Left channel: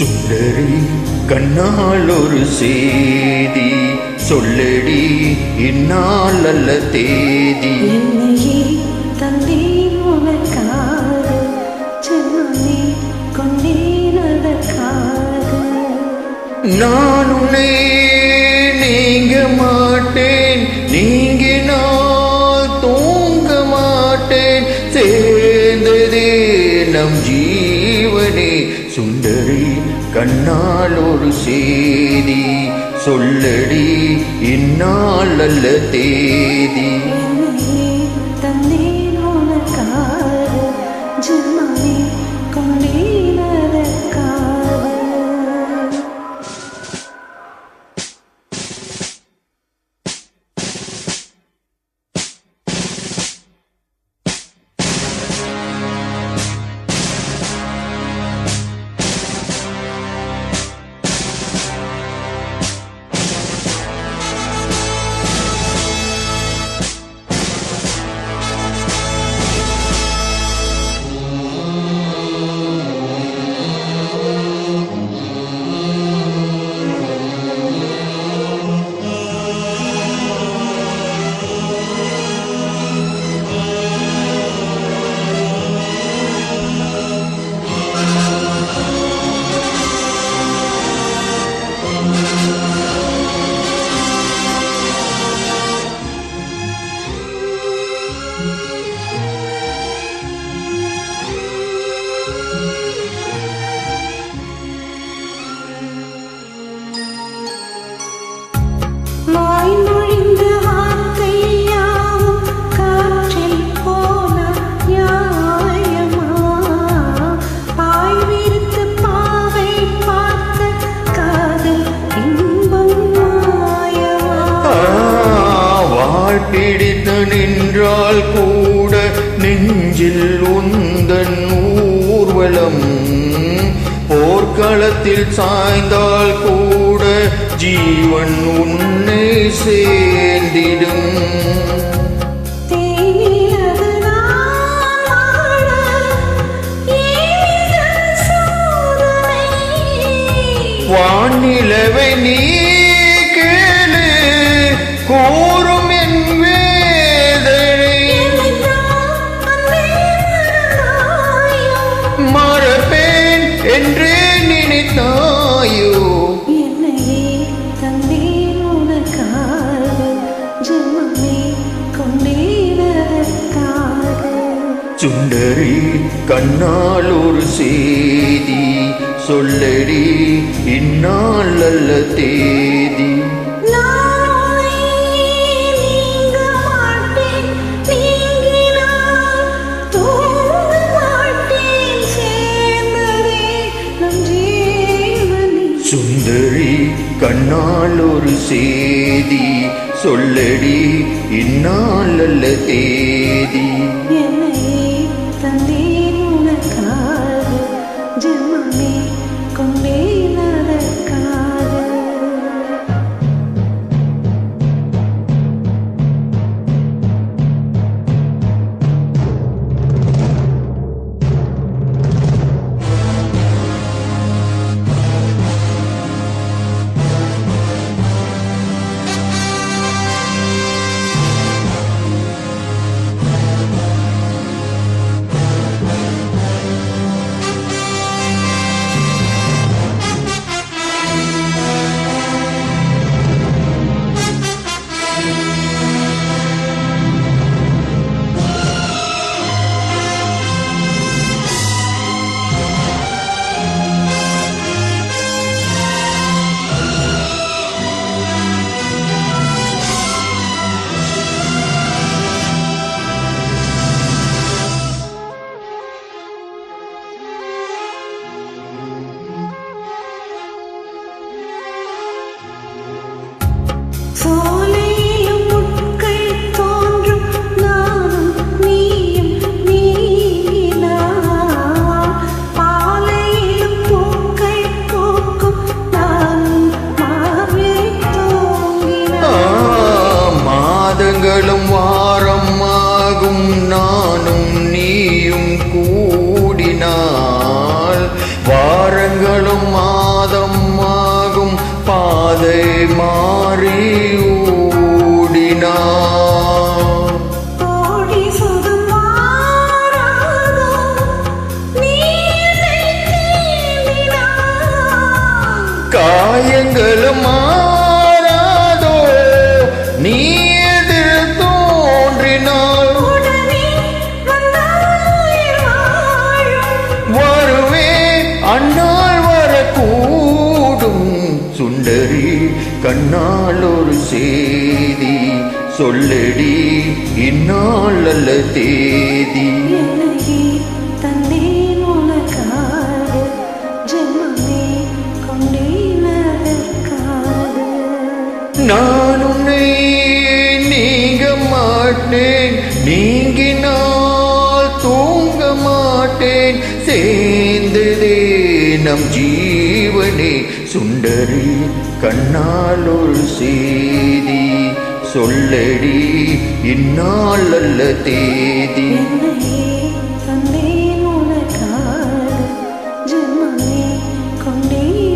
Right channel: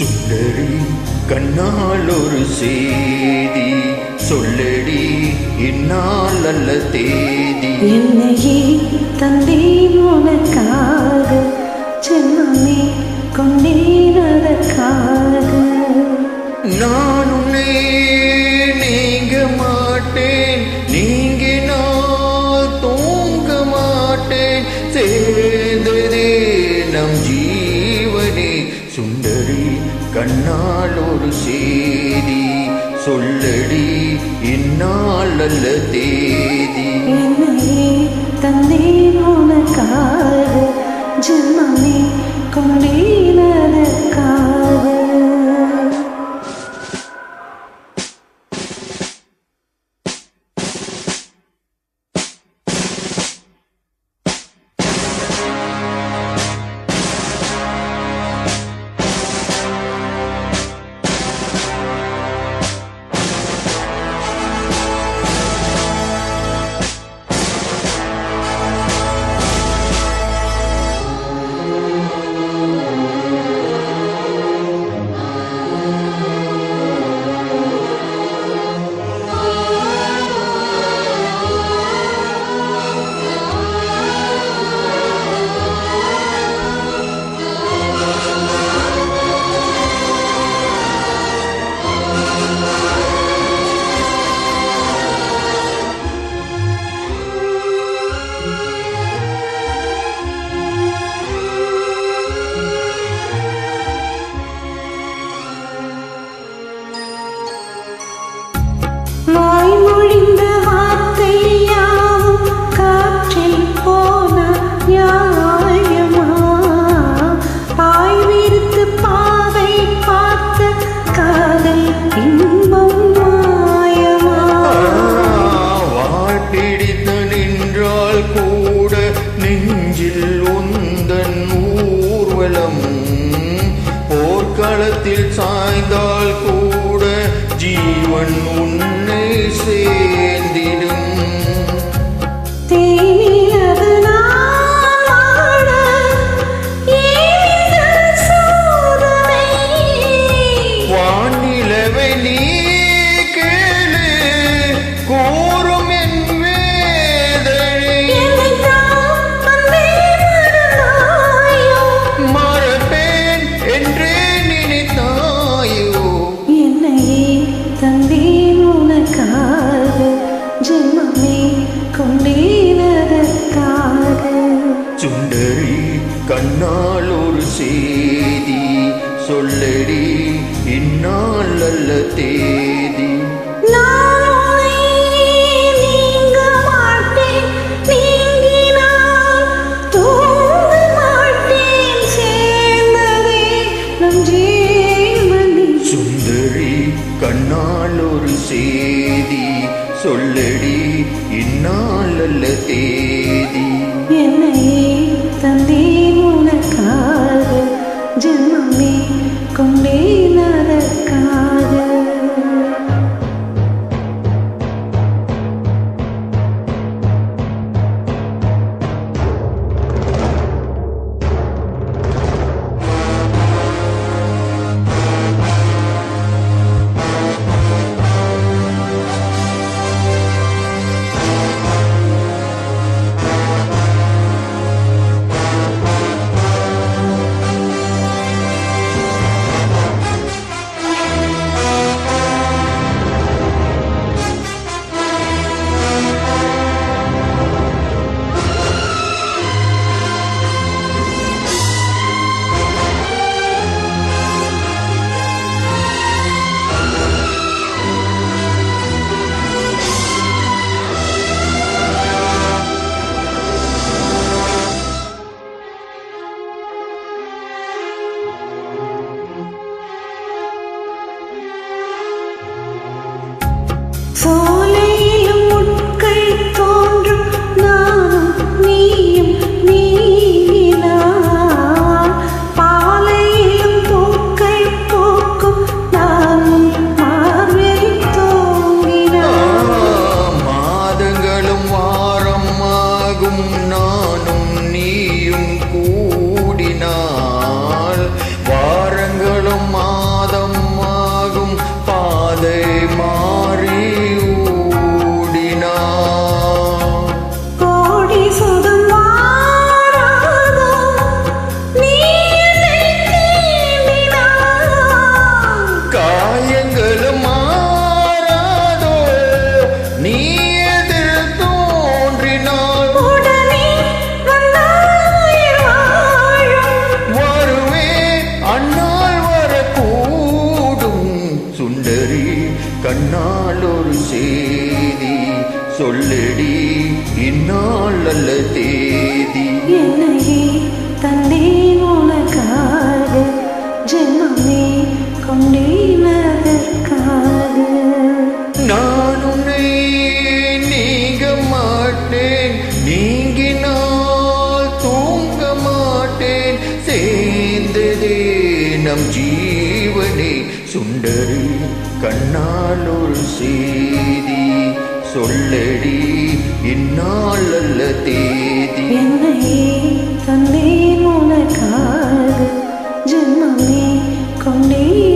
சுடரி கண்ணால் ஒரு சேதி சொல்லடி இந்நாள் அல்ல தேதி. என்னையே தந்தேன் உனக்காக, ஜென்மமே கொண்டேன் அதற்காக. நான் உன்னை நீங்க மாட்டேன், நீங்கினால் தூங்க மாட்டேன். சேர்ந்ததே நம் ஜீவனே. சுந்தரி கண்ணால் ஒரு சேதி சொல்லடி இந்நாள் அல்ல தேதி. என்னையே தந்தேன் உனக்காக, ஜென்மமே கொண்டேன் அதற்காக. வாய்மொழிந்த வார்த்தை யாவும் காற்றில் போன நியாயமா? பாய் விரித்து பாவை பார்த்த காதல் இன்பம் மாயமா? வாழ் பிடித்து நின்றால் கூட நெஞ்சில் உந்தன் ஊர்வலம். போர்க்களத்தில் சாய்ந்தால் கூட ஜீவன் உன்னை சேர்ந்திடும். தேனிலது நான் வாழ ஏன் இந்த சோதனை? வானிலவை நீ கேளு கூறும் என் வேதனை. என்னைத்தான் அன்பே மறந்தாயோ? மறப்பேன் என்றே நினைத்தாயோ? என்னையே தந்தேன் உனக்காக, ஜென்மமே கொண்டேன் அதற்காக. சுந்தரி கண்ணால் ஒரு சேதி சொல்லடி இந்நாள் அல்ல தேதி. நான் உன்னை நீங்க மாட்டேன், நீங்கினால் தூங்க மாட்டேன். சேர்ந்ததே நம் ஜீவனே. சுந்தரி கண்ணால் ஒரு சேதி சொல்லடி இந்நாள் அல்ல தேதி. என்னையே தந்தேன் உனக்காக, ஜென்மமே கொண்டேன் அதற்காக. நாளும் மாதம் ஆகும் பாதை மாறி ஓடினான். கோடி சுகம் மாறாதோ நீ என்னை தீண்டினாய். காயங்களும் மாறாதோ நீ எதிர் தோன்றினாள். உடனே வந்தால் உயிர் வாழும். வருவேன் அந்நாள் வரக்கூடும். சுந்தரி கண்ணால் ஒரு செய்தி சொல்லடி இந்நாள் அல்ல தேதி. என்னையே தந்தேன் உனக்காக ஜென்மமே கொண்டேன் அதற்காக. நான் உன்னை நீங்க மாட்டேன், நீங்கினால் தூங்க மாட்டேன். சேர்ந்ததே நம் ஜீவனே. சுந்தரி கண்ணால் ஒரு செய்தி சொல்லடி இந்நாள் அல்ல தேதி. என்னையே தந்தேன் உனக்காக ஜென்மமே கொண்டேன்